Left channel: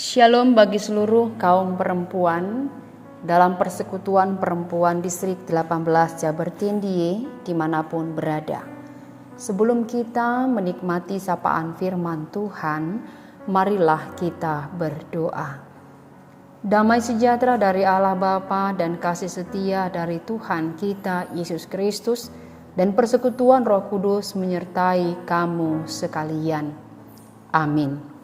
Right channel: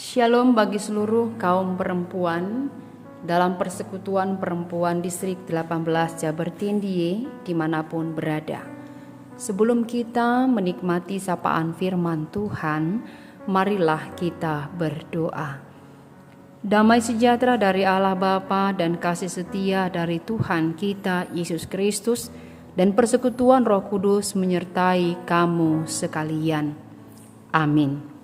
Shalom bagi seluruh kaum perempuan dalam Persekutuan Perempuan Distrik 18 Jabertindie dimanapun berada. Sebelum kita menikmati sapaan firman Tuhan, marilah kita berdoa. Damai sejahtera dari Allah Bapa dan kasih setia dari Tuhan kita Yesus Kristus dan persekutuan Roh Kudus menyertai kamu sekalian. Amin.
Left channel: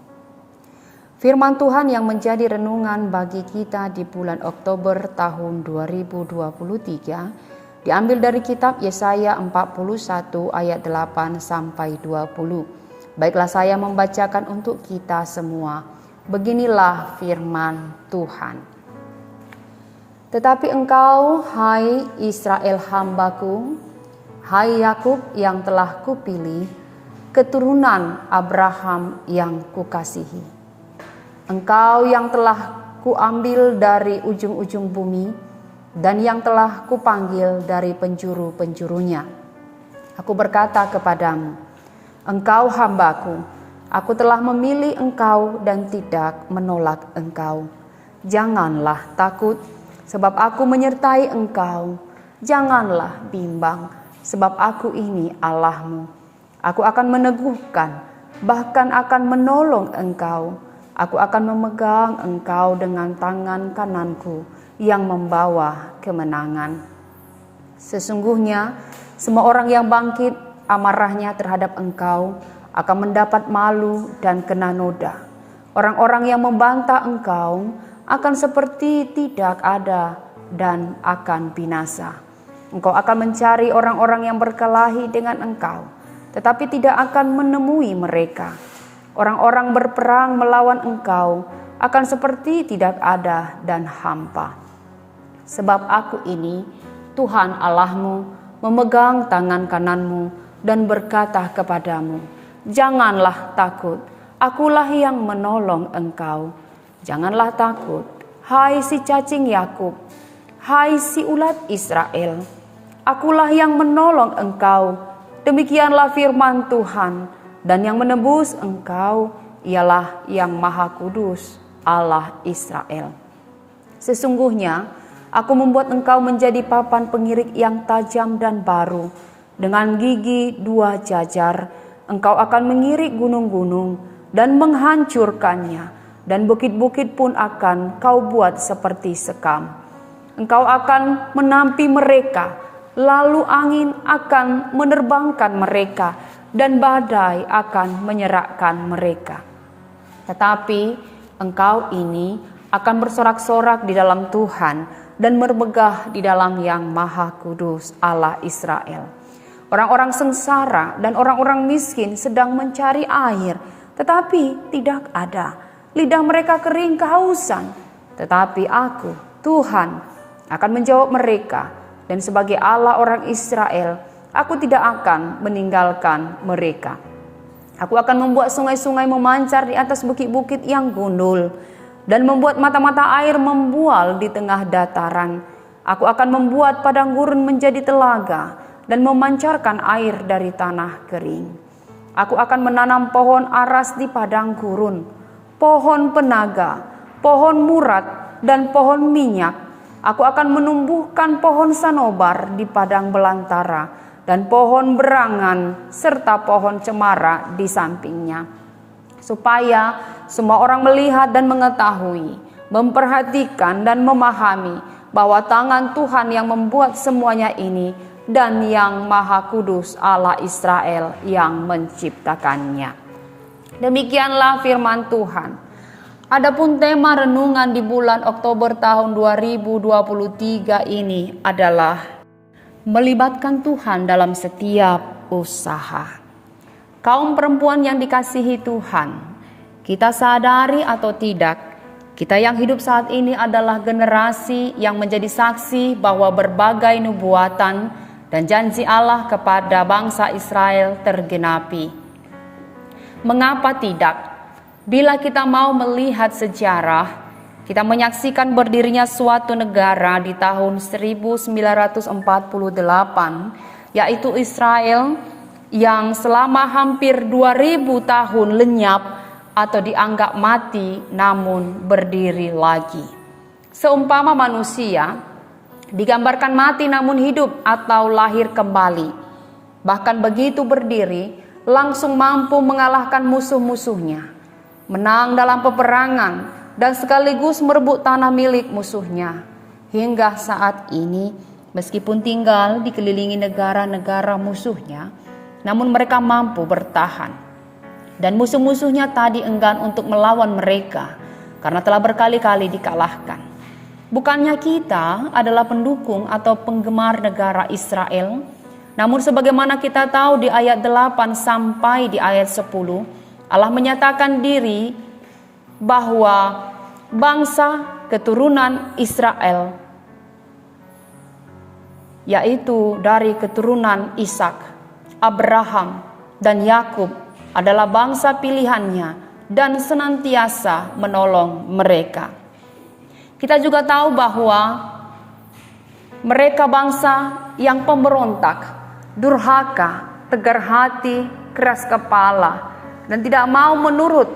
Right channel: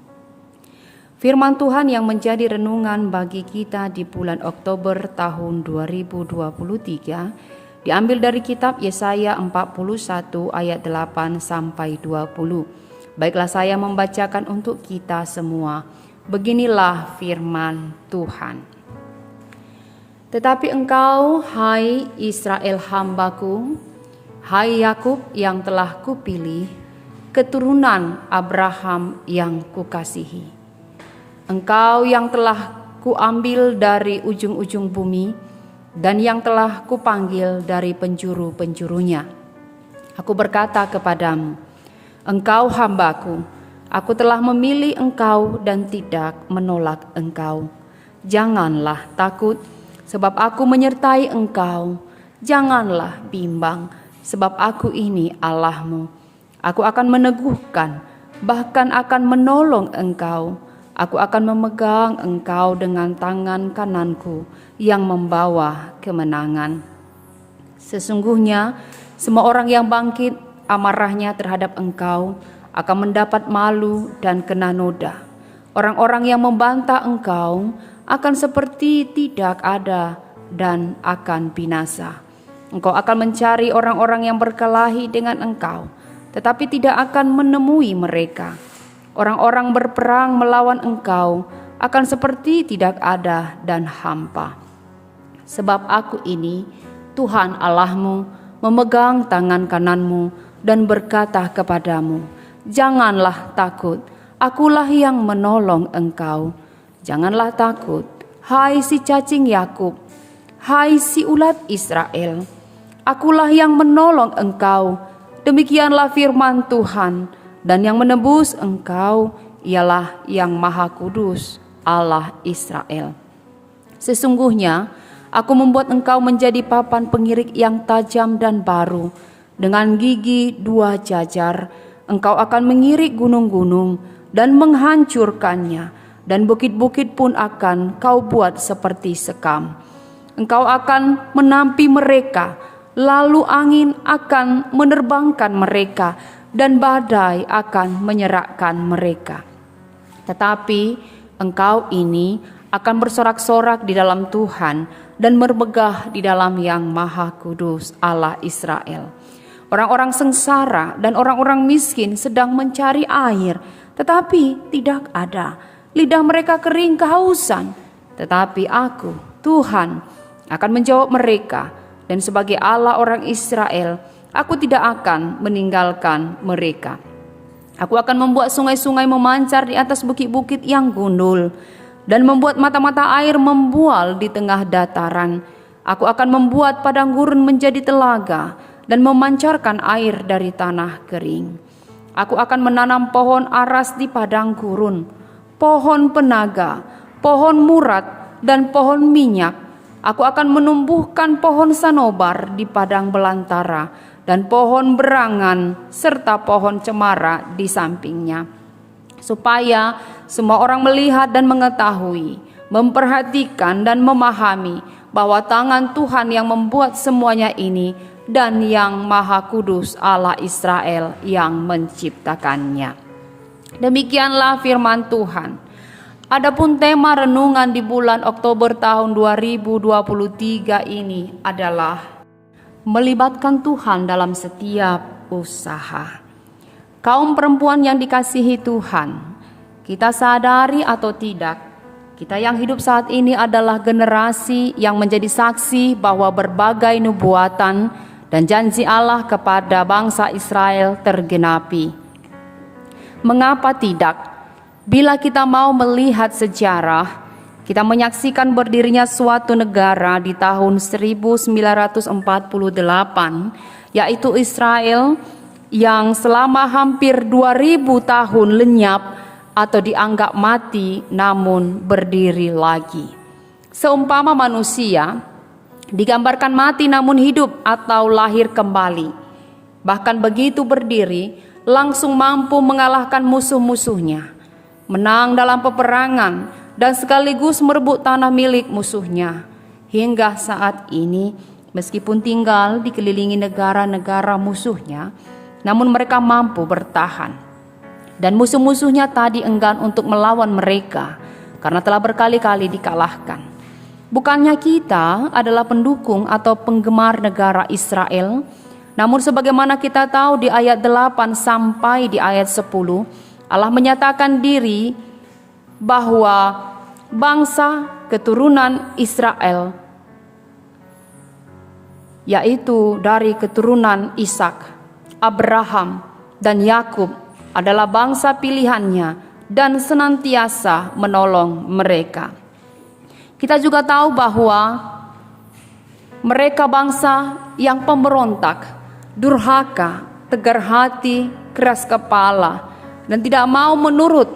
Firman Tuhan yang menjadi renungan bagi kita di bulan Oktober tahun 2023 diambil dari kitab Yesaya 41 ayat 8 sampai 20. Baiklah saya membacakan untuk kita semua. Beginilah firman Tuhan. Tetapi engkau, hai Israel hambaku, hai Yakub yang telah kupilih, keturunan Abraham yang kukasihi. Engkau yang telah kuambil dari ujung-ujung bumi dan yang telah kupanggil dari penjuru-penjurunya. Aku berkata kepadamu, engkau hambaku, aku telah memilih engkau dan tidak menolak engkau. Janganlah takut, sebab aku menyertai engkau. Janganlah bimbang, sebab aku ini Allahmu. Aku akan meneguhkan, bahkan akan menolong engkau. Aku akan memegang engkau dengan tangan kananku yang membawa kemenangan. Sesungguhnya semua orang yang bangkit amarahnya terhadap engkau akan mendapat malu dan kena noda. Orang-orang yang membantah engkau akan seperti tidak ada dan akan binasa. Engkau akan mencari orang-orang yang berkelahi dengan engkau, tetapi tidak akan menemui mereka. Orang-orang berperang melawan engkau akan seperti tidak ada dan hampa. Sebab aku ini, Tuhan Allahmu, memegang tangan kananmu dan berkata kepadamu, janganlah takut, akulah yang menolong engkau. Janganlah takut, hai si cacing Yakub, hai si ulat Israel, akulah yang menolong engkau. Demikianlah firman Tuhan. Dan yang menebus engkau ialah yang Maha Kudus, Allah Israel. Sesungguhnya aku membuat engkau menjadi papan pengirik yang tajam dan baru. Dengan gigi 2 jajar, engkau akan mengirik gunung-gunung dan menghancurkannya. Dan bukit-bukit pun akan kau buat seperti sekam. Engkau akan menampi mereka, lalu angin akan menerbangkan mereka, dan badai akan menyerakkan mereka. Tetapi engkau ini akan bersorak-sorak di dalam Tuhan dan bermegah di dalam yang Maha Kudus, Allah Israel. Orang-orang sengsara dan orang-orang miskin sedang mencari air, tetapi tidak ada. Lidah mereka kering kehausan, tetapi aku, Tuhan, akan menjawab mereka, dan sebagai Allah orang Israel, aku tidak akan meninggalkan mereka. Aku akan membuat sungai-sungai memancar di atas bukit-bukit yang gundul dan membuat mata-mata air membual di tengah dataran. Aku akan membuat padang gurun menjadi telaga dan memancarkan air dari tanah kering. Aku akan menanam pohon aras di padang gurun, pohon penaga, pohon murat, dan pohon minyak. Aku akan menumbuhkan pohon sanobar di padang belantara dan pohon berangan serta pohon cemara di sampingnya, supaya semua orang melihat dan mengetahui, memperhatikan dan memahami bahwa tangan Tuhan yang membuat semuanya ini dan yang Maha Kudus Allah Israel yang menciptakannya. Demikianlah firman Tuhan. Adapun tema renungan di bulan Oktober tahun 2023 ini adalah melibatkan Tuhan dalam setiap usaha. Kaum perempuan yang dikasihi Tuhan, kita sadari atau tidak, kita yang hidup saat ini adalah generasi yang menjadi saksi bahwa berbagai nubuatan dan janji Allah kepada bangsa Israel tergenapi. Mengapa tidak? Bila kita mau melihat sejarah, kita menyaksikan berdirinya suatu negara di tahun 1948, yaitu Israel, yang selama hampir 2000 tahun lenyap atau dianggap mati namun berdiri lagi. Seumpama manusia digambarkan mati namun hidup atau lahir kembali. Bahkan begitu berdiri langsung mampu mengalahkan musuh-musuhnya, menang dalam peperangan dan sekaligus merebut tanah milik musuhnya. Hingga saat ini meskipun tinggal dikelilingi negara-negara musuhnya, namun mereka mampu bertahan. Dan musuh-musuhnya tadi enggan untuk melawan mereka karena telah berkali-kali dikalahkan. Bukannya kita adalah pendukung atau penggemar negara Israel, namun sebagaimana kita tahu di ayat 8 sampai di ayat 10, Allah menyatakan diri bahwa bangsa keturunan Israel, yaitu dari keturunan Ishak, Abraham, dan Yakub adalah bangsa pilihannya dan senantiasa menolong mereka. Kita juga tahu bahwa mereka bangsa yang pemberontak, durhaka, tegar hati, keras kepala, dan tidak mau menurut,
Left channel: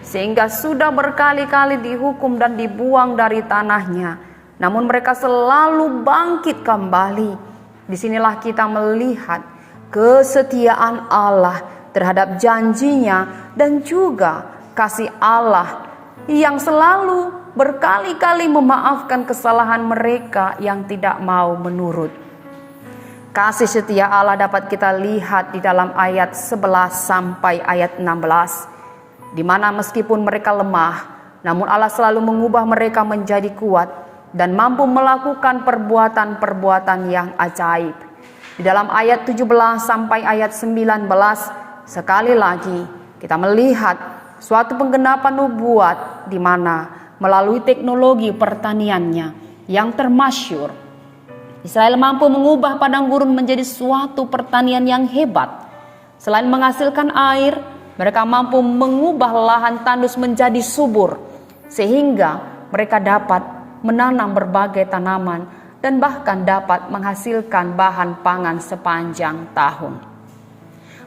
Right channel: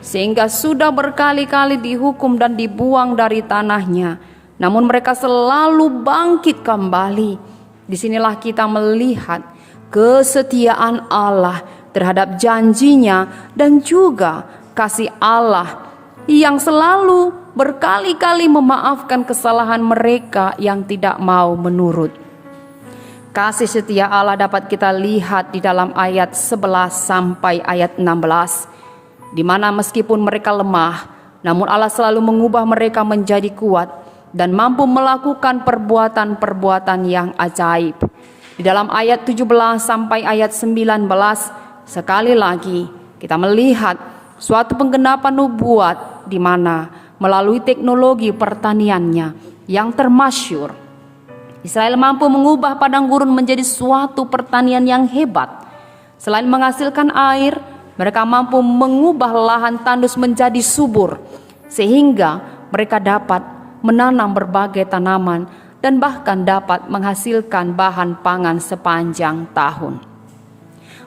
sehingga sudah berkali-kali dihukum dan dibuang dari tanahnya. Namun mereka selalu bangkit kembali. Disinilah kita melihat kesetiaan Allah terhadap janjinya dan juga kasih Allah yang selalu berkali-kali memaafkan kesalahan mereka yang tidak mau menurut. Kasih setia Allah dapat kita lihat di dalam ayat 11 sampai ayat 16, di mana meskipun mereka lemah, namun Allah selalu mengubah mereka menjadi kuat dan mampu melakukan perbuatan-perbuatan yang ajaib. Di dalam ayat 17 sampai ayat 19, sekali lagi kita melihat suatu penggenapan nubuat di mana melalui teknologi pertaniannya yang termasyur, Israel mampu mengubah padang gurun menjadi suatu pertanian yang hebat. Selain menghasilkan air, mereka mampu mengubah lahan tandus menjadi subur, sehingga mereka dapat menanam berbagai tanaman dan bahkan dapat menghasilkan bahan pangan sepanjang tahun.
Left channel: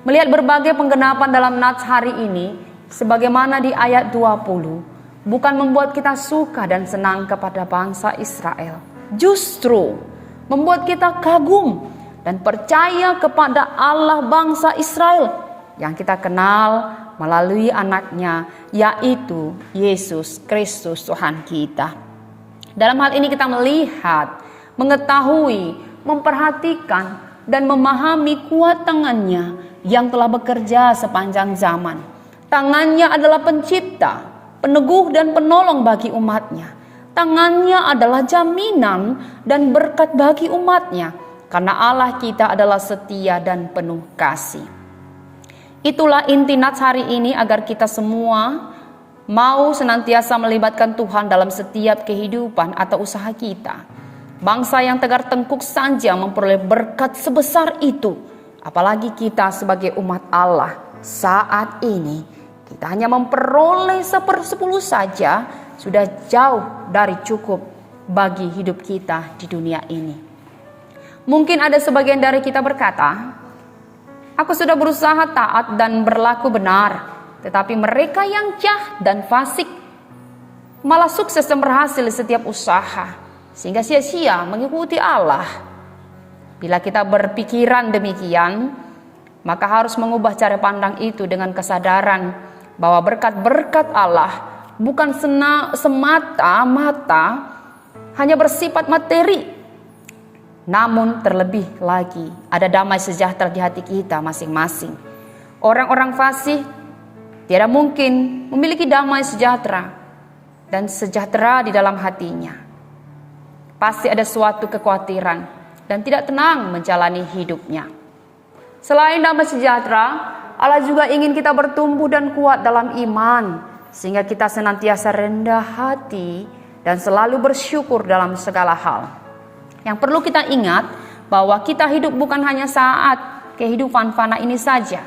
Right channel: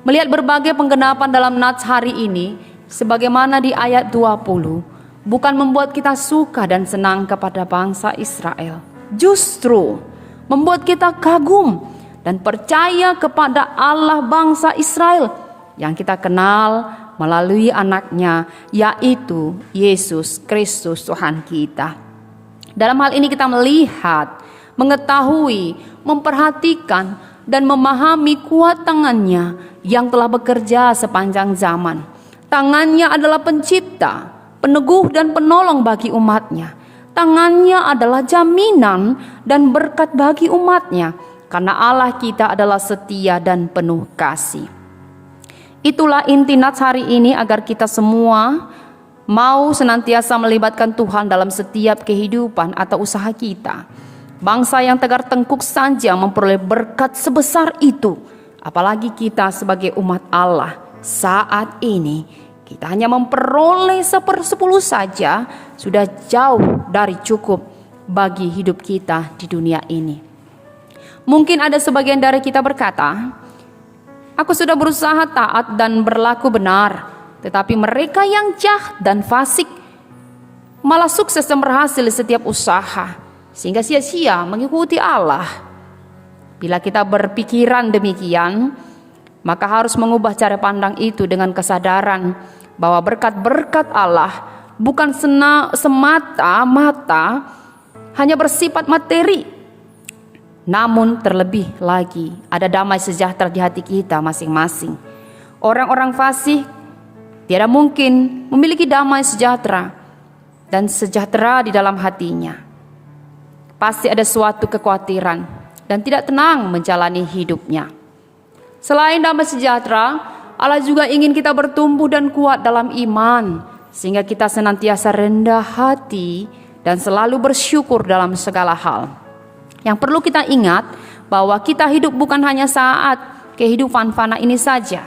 Melihat berbagai penggenapan dalam nats hari ini, sebagaimana di ayat 20, bukan membuat kita suka dan senang kepada bangsa Israel. Justru membuat kita kagum dan percaya kepada Allah bangsa Israel yang kita kenal melalui anaknya, yaitu Yesus Kristus Tuhan kita. Dalam hal ini kita melihat, mengetahui, memperhatikan, dan memahami kuat tangannya yang telah bekerja sepanjang zaman. Tangannya adalah pencipta, peneguh dan penolong bagi umatnya. Tangannya adalah jaminan dan berkat bagi umatnya, karena Allah kita adalah setia dan penuh kasih. Itulah inti nats hari ini, agar kita semua mau senantiasa melibatkan Tuhan dalam setiap kehidupan atau usaha kita. Bangsa yang tegar tengkuk saja memperoleh berkat sebesar itu, apalagi kita sebagai umat Allah saat ini. Kita hanya memperoleh 1/10 saja, sudah jauh dari cukup bagi hidup kita di dunia ini. Mungkin ada sebagian dari kita berkata, aku sudah berusaha taat dan berlaku benar, tetapi mereka yang jahat dan fasik malah sukses dan berhasil di setiap usaha, sehingga sia-sia mengikuti Allah. Bila kita berpikiran demikian, maka harus mengubah cara pandang itu dengan kesadaran bahwa berkat-berkat Allah bukan semata-mata hanya bersifat materi, namun terlebih lagi ada damai sejahtera di hati kita masing-masing. Orang-orang fasik tidak mungkin memiliki damai sejahtera dan sejahtera di dalam hatinya. Pasti ada suatu kekhawatiran dan tidak tenang menjalani hidupnya. Selain damai sejahtera, Allah juga ingin kita bertumbuh dan kuat dalam iman, sehingga kita senantiasa rendah hati dan selalu bersyukur dalam segala hal. Yang perlu kita ingat bahwa kita hidup bukan hanya saat kehidupan fana ini saja,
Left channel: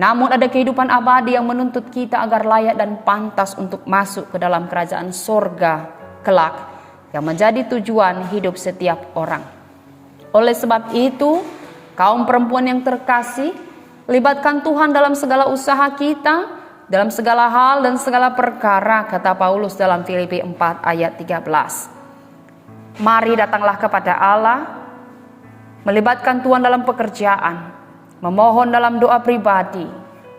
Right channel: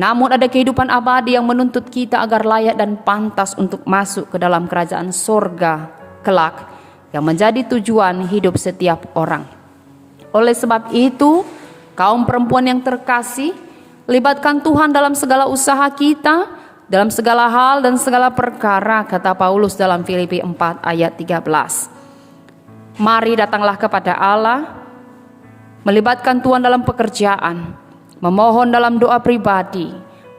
namun ada kehidupan abadi yang menuntut kita agar layak dan pantas untuk masuk ke dalam kerajaan sorga kelak, yang menjadi tujuan hidup setiap orang. Oleh sebab itu, kaum perempuan yang terkasih, libatkan Tuhan dalam segala usaha kita dalam segala hal dan segala perkara, kata Paulus dalam Filipi 4 ayat 13. Mari datanglah kepada Allah, melibatkan Tuhan dalam pekerjaan, memohon dalam doa pribadi,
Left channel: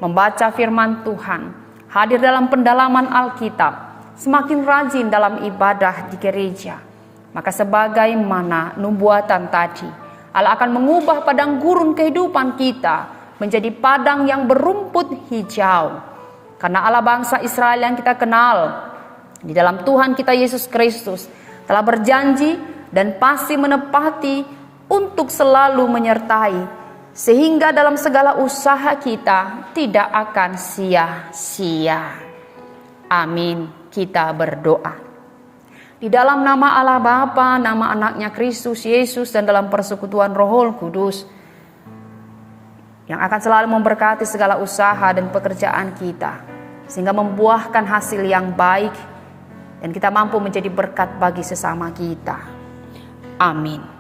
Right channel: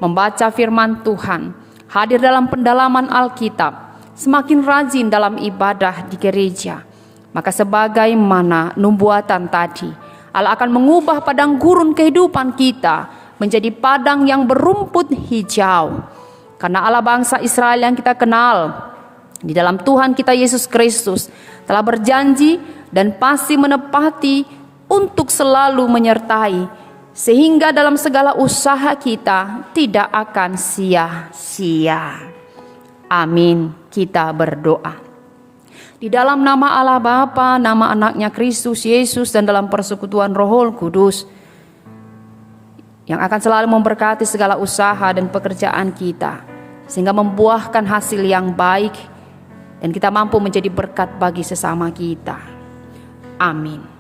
membaca firman Tuhan, hadir dalam pendalaman Alkitab, semakin rajin dalam ibadah di gereja. Maka sebagaimana nubuatan tadi, Allah akan mengubah padang gurun kehidupan kita menjadi padang yang berumput hijau. Karena Allah bangsa Israel yang kita kenal di dalam Tuhan kita Yesus Kristus telah berjanji dan pasti menepati untuk selalu menyertai, sehingga dalam segala usaha kita tidak akan sia-sia. Amin. Kita berdoa. Di dalam nama Allah Bapa, nama anaknya Kristus Yesus, dan dalam persekutuan Roh Kudus yang akan selalu memberkati segala usaha dan pekerjaan kita, sehingga membuahkan hasil yang baik dan kita mampu menjadi berkat bagi sesama kita. Amin.